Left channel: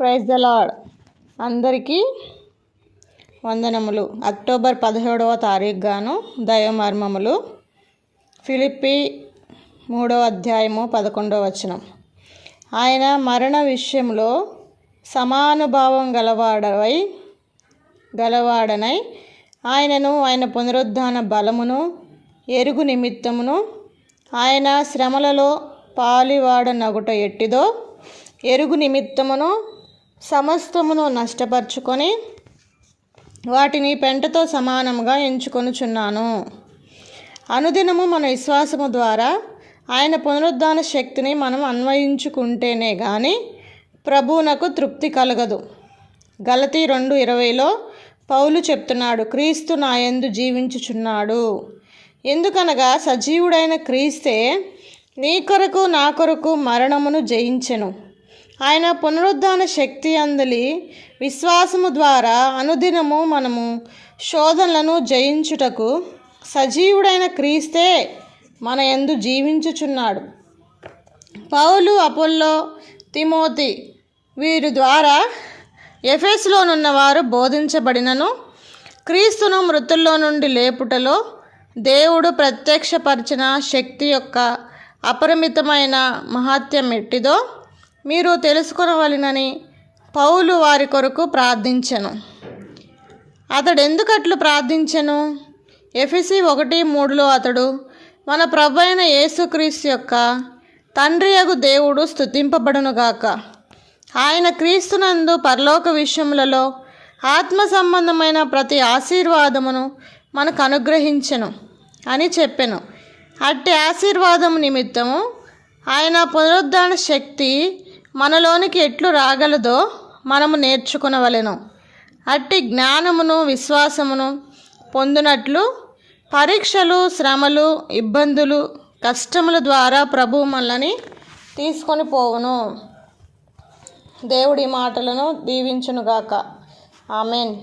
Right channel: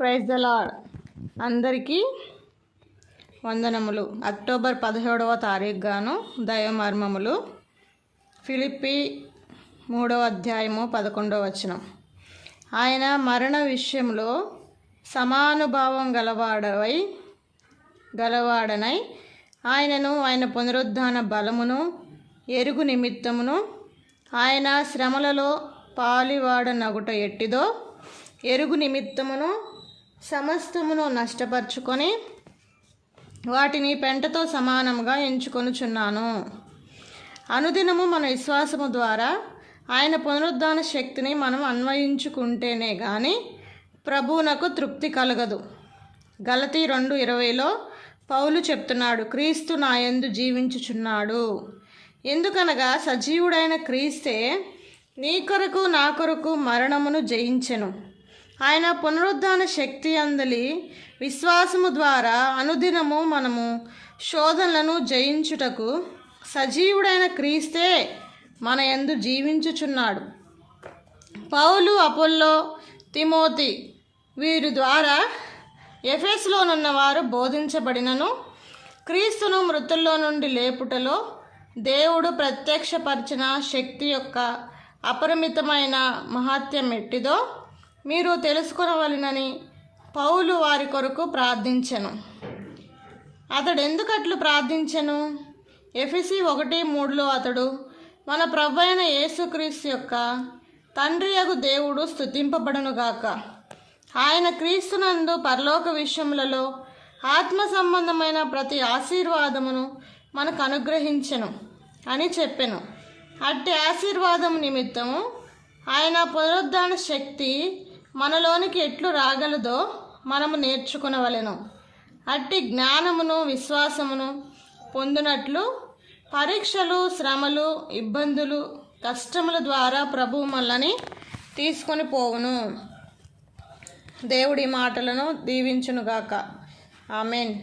Praise the lord అందరికీ వందనములు. October పదిహేడవ తారీఖు గాను దైవమర్మములు. ఫిలిప్పి మూడవ అధ్యాయము పదకొండవ వచనం. ఆయన మరణ విషయంలో సమానుభావం గలవాడవై గలవాడనై ఆయనను ఆయన పునరుద్ధాన బలమును ఎరుగు నిమిత్తమును ఆయన శ్రమలలో పాలివాడనగుట ఎట్టిదో ఎరుగు నిమిత్తమును సమస్తమును నష్టపరుచుకొని వాటిని పెంటతో సమానంగా ఎంచుకొనుచున్నాను. అనుదినము మన విశ్వాసము ద్వారా ఆయన పునరుద్ధాన శక్తిని మనం అన్వయించుకుంటేనే కానీ ప్రభువునకు తృప్తి కలగదు. గలతీ రెండు ఇరవైలో పౌలు చెప్తున్నాడు క్రీస్తు నా యందు జీవించుచున్నాడు. ఎందుకనగా సజీవుడైన క్రీస్తే నీ కొరకు నా కొరకు మరణమును జయించెను. ఆయన పునరుద్ధాన శక్తి అందలి విశ్వాసము ద్వారా అనుదినము మనము శోధనలను జయించుటకు సజీవుడైన క్రీస్తే మన యందు జీవించుచున్నాడు. పౌలు అపోల్లో తిమోతి వీరి ద్వారా ఎఫెస్లోనున్న వారు బోధించబడినను క్రీస్తును మృతుల్లో నుండి లేపుటలో దేవుడు ప్రత్యక్షపరిచిన శక్తి యొక్క అపరిమితమైన మహాత్యం ఎట్టిదో మీరు తెలుసుకొనవలనని పౌలు వారి కొరకు ప్రార్థించెను. అతడు ఎందుకు అట్లు ప్రార్థించెను? ఎఫిసి ఒకటి మూడులో అతడు మన ప్రభు అయిన యేసుక్రీస్తు యొక్క తండ్రి యగు దేవుడు స్థుతింపబడునుగాక ఆయన క్రీస్తునందు పరలోక విషయములలో ఆత్మ సంబంధమైన ప్రతి ఆశీర్వాదమును మనకు అనుగ్రహించెను అని చెప్పెను. అట్టి ఆశీర్వాదము నిమిత్తము ఆయన పునరుద్ధరణ శక్తి మనలోనికి ఎట్లు రాగలదో మనము నేర్చుకునవలెను. అట్టి జ్ఞానమును విశ్వాసమును పొందినట్లు పరీక్షలు శ్రమలు ఇబ్బందులు కష్టముల ద్వారా ప్రభు మనల్ని తీసుకొని పోవును. దేవుడి మాటలను దీవించునుగాక. ఆమెన్.